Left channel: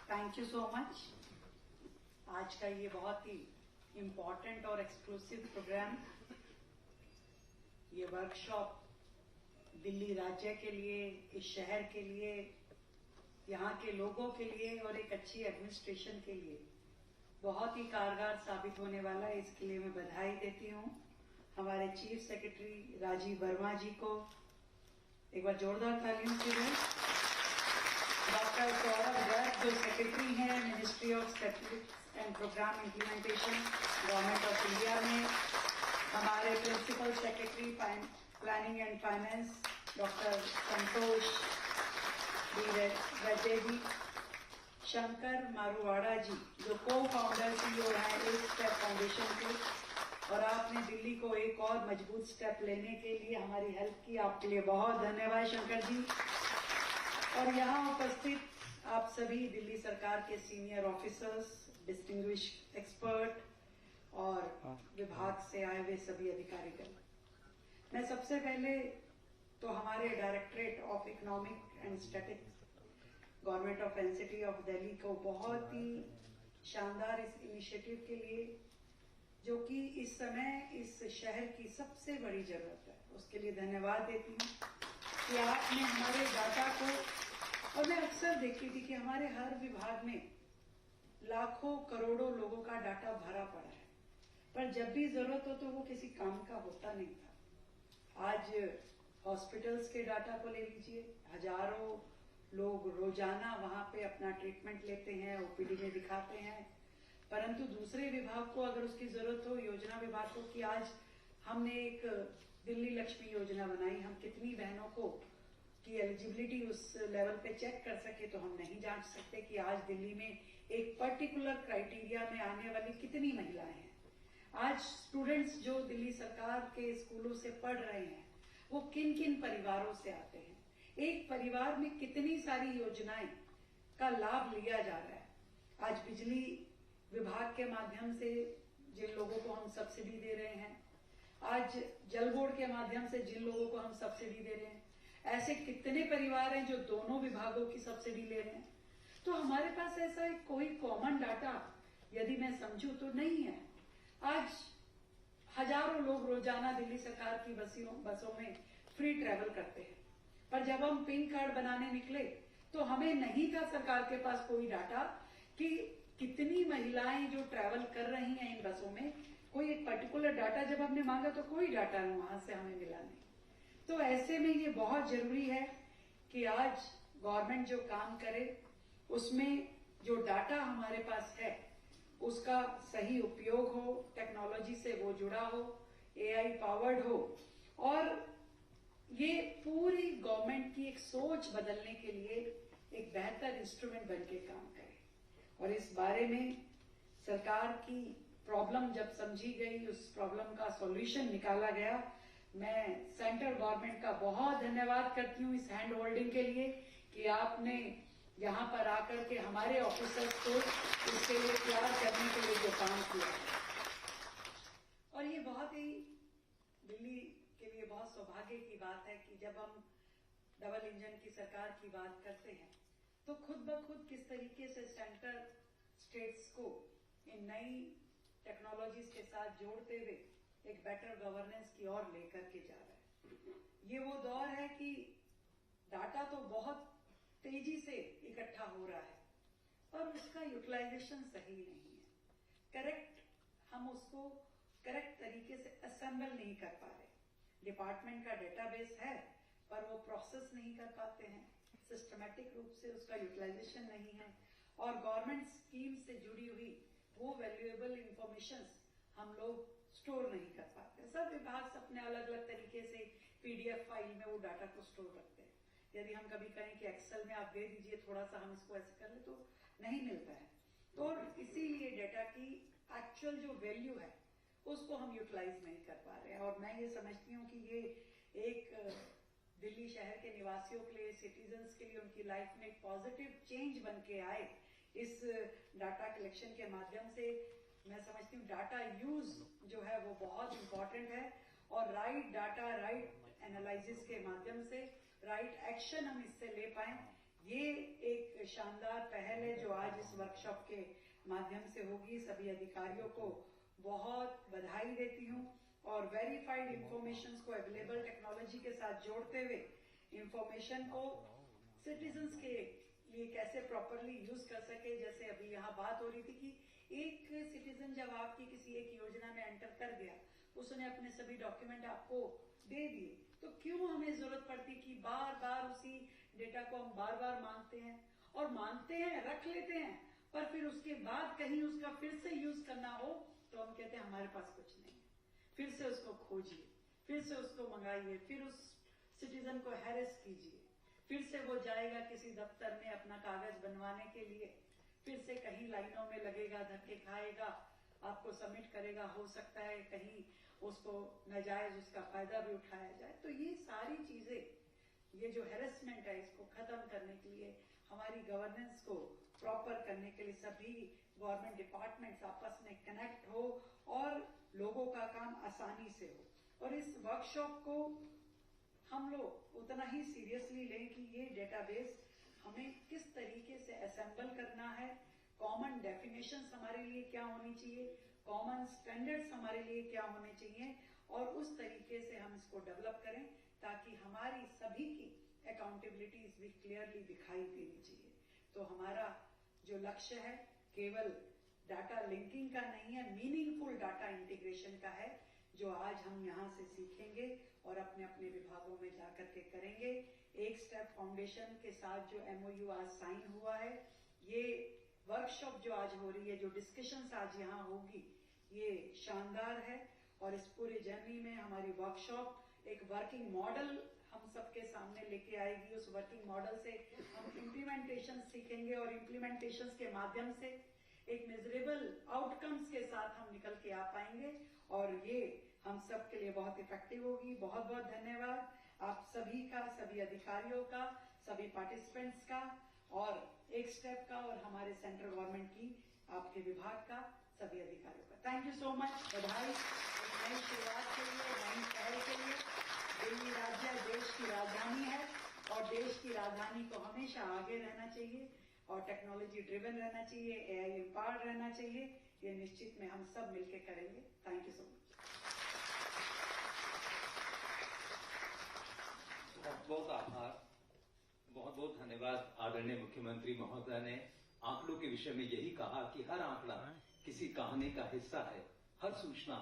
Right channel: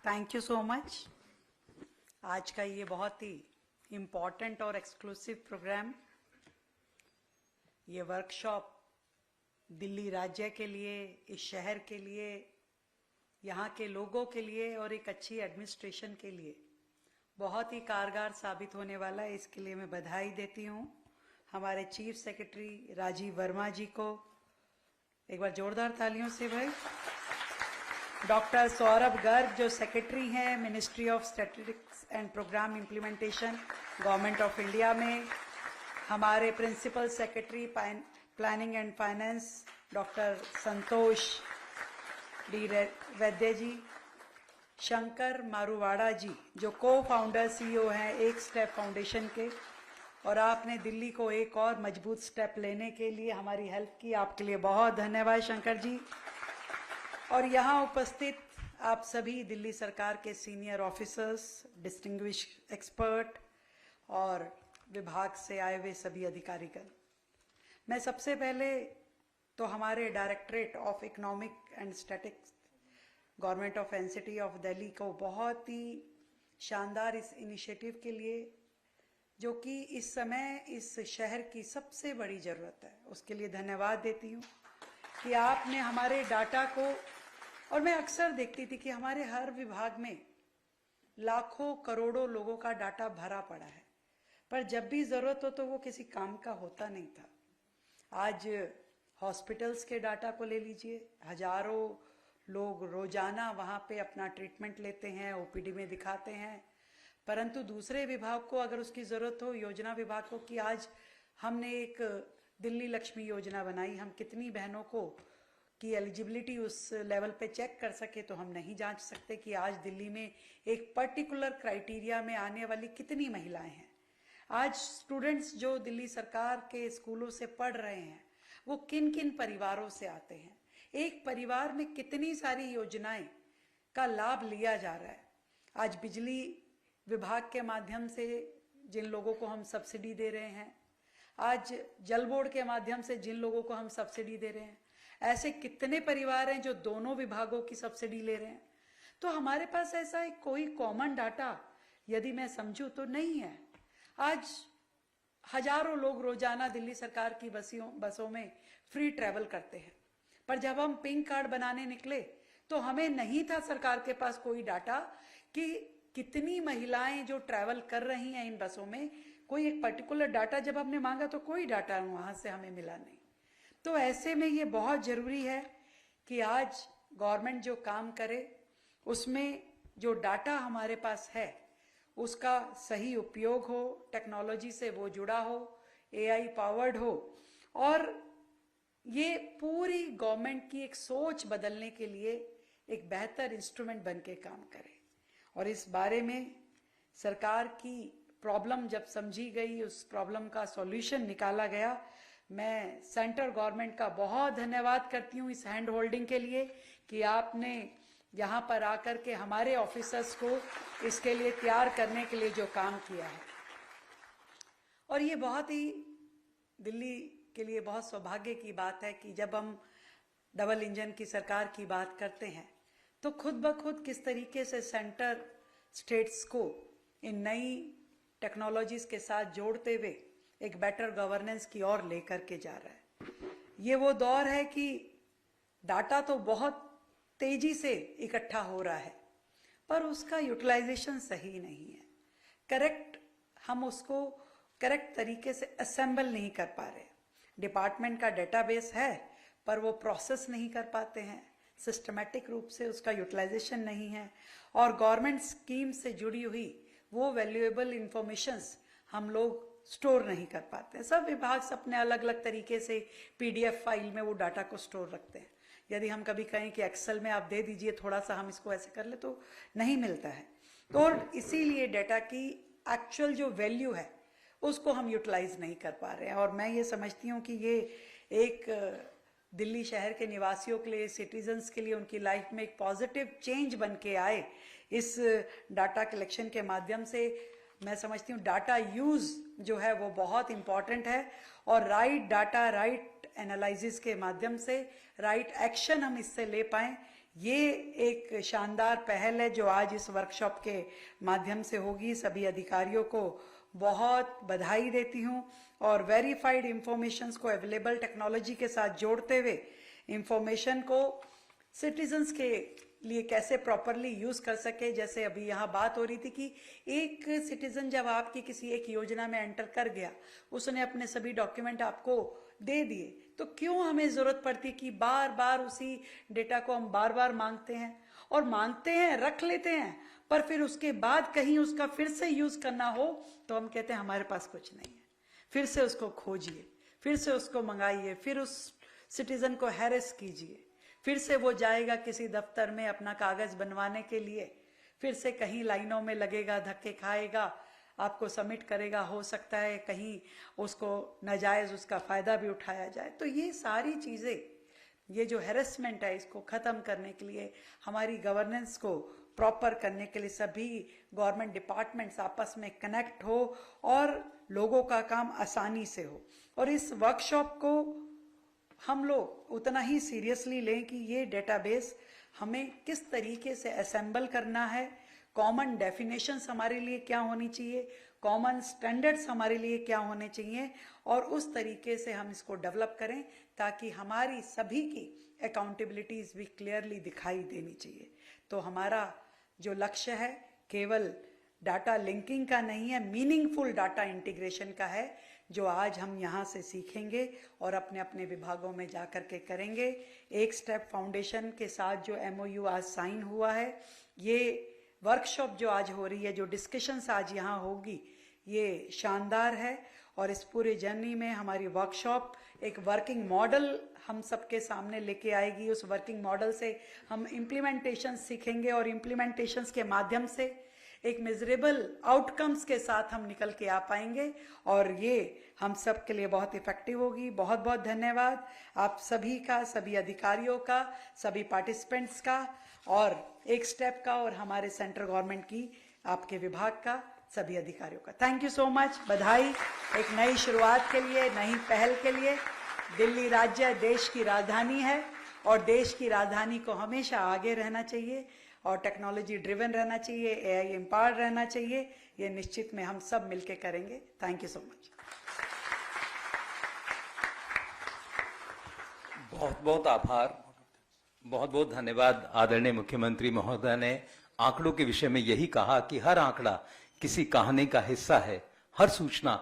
Thank you so much. आज का ये बहुत ही इम्पॉर्टेंट और एक्सक्लूसिव प्रोग्राम, ये वर्कशॉप दिल्ली राज्य के लिए, इस शहर के लिए, यहाँ के लोगों के लिए और एक अच्छी एडमिनिस्ट्रेशन के लिए बहुत ही कारगर साबित होने वाला है। इसके लिए मैं बधाई देती हूँ हमारे चीफ सेक्रेटरी राजीव वर्मा जी को। एक बार जोरदार तालियों से भाई। डॉक्टर सौरभ गर्ग जो सेक्रेटरी हैं ministry of statistics and programme implementation government of India में। हमारे principal secretary planning and finance doctor Santosh D Vaidya ji. Shankar मारूवाड़ा जी जो को फाउंडर सीईओ हैं एक स्टेप फाउंडेशन के, और आपने दिल्ली को एक और मजबूत स्टेप लेने के लिए हमारी हेल्प की, आपके लिए बहुत धन्यवाद शंकर जी। और यहाँ उपस्थित आप सभी दिल्ली सरकार के सीनियर ऑफिसर्स, डिस्टिंग्विश एक्सपर्ट और विभाग से आए हुए सभी अधिकारीगण। मैं सबसे पहले तो हमारे directorate of economic and statistics government of NCT of Delhi को बहुत ही शानदार इस इनिशिएटिव के लिए, जो कि इस समय इस शहर की सबसे बड़ी ज़रूरत है, उसके लिए धन्यवाद देती हूँ कि आपने हमारे डाटा को, और मैं अक्सर देखती थी कि हमारे हर विभाग में लाखों करोड़ों लोगों का डाटा भरा पड़ा है, पर जब भी ज़रूरत हो तो वो किसी काम का होता नहीं था। आज हॉस्पिटल्स के डाटा को ले लीजिए, हजारों लोग रोज़ाना वहाँ पे अपना ट्रीटमेंट लेते हैं, ओपीडी में दिखाते हैं, परंतु दूसरे विभाग को अगर उसकी ज़रूरत हो, योजना विभाग को, कि आज हमने एक दिल्ली लक्ष्मी योजना बनाई, हम कितनी बहनों को की एलिजिबिलिटी उस लेवल पे चेक कर सके, तो हम नहीं जांच सकते कि आज दिल्ली में एक पर्टिकुलर क्राइटेरिया में आने वाली कितनी महिलाएं हैं। आज स्टूडेंट्स जो दिल्ली सरकार के स्कूलों से पढ़ रहे हैं वो किन किन परिवारों से आते हैं, एक परिवार में कितनी सारी योजनाएं का लाभ लिया जा रहा है। आज बिजली विभाग के माध्यम से जिन लोगों को हम सब्सिडी दे रहे हैं, आज जल बोर्ड के माध्यम से जिन लोगों को हम सब्सिडी दे रहे हैं, ऐसे कितने परिवार हैं जो दोनों विभागों की सब्सिडी ले रहे हैं। तो हमारे पास ऐसा एक कोई कॉमन डाटा यदि मैं समझूं तो नहीं है। आज हजारों लोग रोजाना दिल्ली सरकार की बसों में फ्री ट्रैवल करते हैं, पर जब हम पिंक कार्ड बनाने निकले तो हमें नहीं था सरकार के पास कोई डाटा कि कितनी महिलाएं जो ट्रैवल कर रही हैं इन बसों में, कोई एक पर्टिकुलर डाटा जब हमने मांगा तो कोई डाटा वहाँ से हमें मिला नहीं। तो ऐसे में ये बहुत ज़रूरी है कि आज गवर्नमेंट जो काम करे उसमें जो डाटा हमारे पास है उसका सही उपयोग हो, टेक्नोलॉजी से वो जुड़ा हो, एआई पावर्ड हो, और ये पूरी गवर्नमेंट की एक सोच बदलने के लिए एक बेहतर इंस्ट्रूमेंट बन के काम करे। और इस बारे में सरकार की प्रॉब्लम जब समझी गई, उस प्रॉब्लम का सॉल्यूशन निकाला गया, मैं सेंट्रल गवर्नमेंट का बहुत धन्यवाद करती हूँ इस हैंड होल्डिंग के लिए कि आपने यहाँ पर आकर के हमारे ऑफिसर्स को इसके लिए तैयार करने के लिए जो काम किया है। और ये बहुत ही दिल्ली के लिए बहुत सौभाग्य की बात है कि जब हम डबल इंजन की सरकार की बात करते हैं तो खुद ब खुद किस तरीके से सेंटर स्टेट्स को इन नई टेक्नोलॉजीज़ के साथ जोड़ते हुए एक बेटर गवर्नेंस की ओर लेकर के जा रहा है। ये वो दौर है कि डाटा तो बहुत तेजी से इकट्ठा हो रहा है, पर उसका यूटिलाइजेशन सही नहीं है। हम उसको करेक्ट तरीके से असेंबल नहीं कर पा रहे। डिपार्टमेंट का डेटाबेस है पर वो प्रोसेस नहीं कर पाते हैं, सिस्टमेटिक रूप से उसका यूटिलाइजेशन नहीं है, और गवर्नमेंट स्कीम से जुड़ी हुई वो वैल्यूएबल इंफॉर्मेशंस हम लोग स्टोर नहीं कर पाते हैं। सब विभाग अपने अलग अलग तरीके से पीडीएफ फाइल में वो डाटा को स्टोर रखते हैं। यदि हम कभी कहें कि एक्सेल में आप दे दीजिए थोड़ा सा, हम इसको ऐसे कर ले, तो नहीं मिलता है। तो इसीलिए डाटा की एक्चुअल जो वैल्यू है उसको हम यूटिलाइज नहीं कर पा रहे हैं। और मैं ये समझती हूँ कि ये एक दिल्ली शहर के निवासियों के लिए, सिटीजन्स के लिए, उनकी लाइफ में एक पॉजिटिव चेंज बन के आए इस डाटा कलेक्शन के माध्यम से। मैं समझती हूँ डाटा यूज़ जो है वो बहुत इम्पॉर्टेंट है, और राइट डाटा, राइट एनालिसिस के माध्यम से राइट एक्शन हम इससे ले पाएँ, ये एक शानदार पहल है जो आज इस वर्कशॉप के माध्यम से होगी। सभी अधिकारियों को बहुत बधाई देती हूँ और वेरीफाइड इंफॉर्मेशंस को अवेलेबल टेक्नोलॉजी के साथ जोड़ते हुए इंफॉर्मेशन को सिटीजन्स के लिए कैसे प्रॉपरली यूज कर सके। जैसे अभी यहाँ बात हो रही थी कि एक सिटीजन जब आपकी किसी एक योजना में एंटर कर गया, उसने अपने सभी डॉक्यूमेंट आपको दे दिए, तो क्यों हमें जरूरत पड़ती कि बार बार उसी डेटा को हम बार बार मांगते हैं और मांगते हैं, रख लेते हैं, पर फिर उसके बाद कहीं उसका फिर से यूज करना हो तो हम कहते हैं हमारे पास कुछ नहीं है। फिर से उसको खोजिए, फिर से उसको मंगाइए, फिर उस सिटीजन को हैरेस कीजिए, फिर से वो जाएगा किसी दफ्तर में अपना कागज बनवाने के लिए, फिर से कहीं लाइनों में लगेगा, धक्के खाएगा, आपको सबमिट करेगा, हो सकता है कहीं उसको नाजायज उसका फायदा भी उठाया जाए। तो ये सारी चीजें, ये जो हैरेसमेंट है, इसको खत्म करने के लिए, हमारी गवर्नेंस को प्रॉपर करने के लिए सभी गवर्नमेंट डिपार्टमेंट्स आपस में कनेक्ट हो और लोगों का काम आसानी से हो। और इस वर्कशॉप को हम लोग उतना ही सीरियसली लें कि ये डेटाबेस हमें किस तरीके से असेंबल करना है, कॉमन डेफिनेशंस हमारे लिए क्या होनी चाहिए, कॉमन स्टैंडर्ड्स हमारे लिए क्या होने चाहिए, और उस तरीके से हम इसको डेवलप करें ताकि हमारी सभी की अकाउंटेबिलिटीज भी क्लियरली दिखाई देनी चाहिए। तो हमारा जो लक्ष्य है केवल डाटा लिंकिंग का नहीं है, मीनिंगफुल डाटा इंटीग्रेशन का है, जो आज हम यहाँ से सीखेंगे और अपने अपने विभागों में जा कर के करेंगे। एक स्टेप फाउंडेशन के साथ जो MOU आज साइन हुआ है, ये वर्कशॉप जो आज हो रही है, जो डिस्कशंस आज यहाँ होगी, ये शानदार है। और इस पूरे जर्नी में हमारी वर्कशॉप एक वर्किंग मॉडल हम सबके सामने लेके आएगी। उस वर्किंग मॉडल से हम इम्प्लीमेंटेशन सीखेंगे और इम्प्लीमेंटेशंस के माध्यम से एक मेजरेबल आउटकम्स के साथ हम निकल के आ पाएंगे और ये हम सब के लिए बहुत इफेक्टिव होगी। बहुत बहुत धन्यवाद आप सभी का, सभी अधिकारियों का, सभी पार्टिसिपेंट्स का, और एक स्टेप का, और हमारे सेंट्रल गवर्नमेंट की, आपके विभाग का, सभी अधिकारियों का। Thank you so much. बधाई एक नई शुरुआत के लिए, नई पहल के लिए। दिल्ली राज्य देश की राजधानी है और देश की राजधानी को हमेशा आगे रहना चाहिए और टेक्नोलॉजी ड्रिवन रहना चाहिए, AI एम्पावर्ड रहना चाहिए। ये निश्चित में हम सब मिलके करेंगे। Thank you so much. बहुत बहुत आभार, बहुत बहुत धन्यवाद। आदरणीय मुख्यमंत्री महोदय ने आंकड़ों के विषय में यही कहा कि हर आंकड़ा किसी कहानी का हिस्सा है, हर सूचना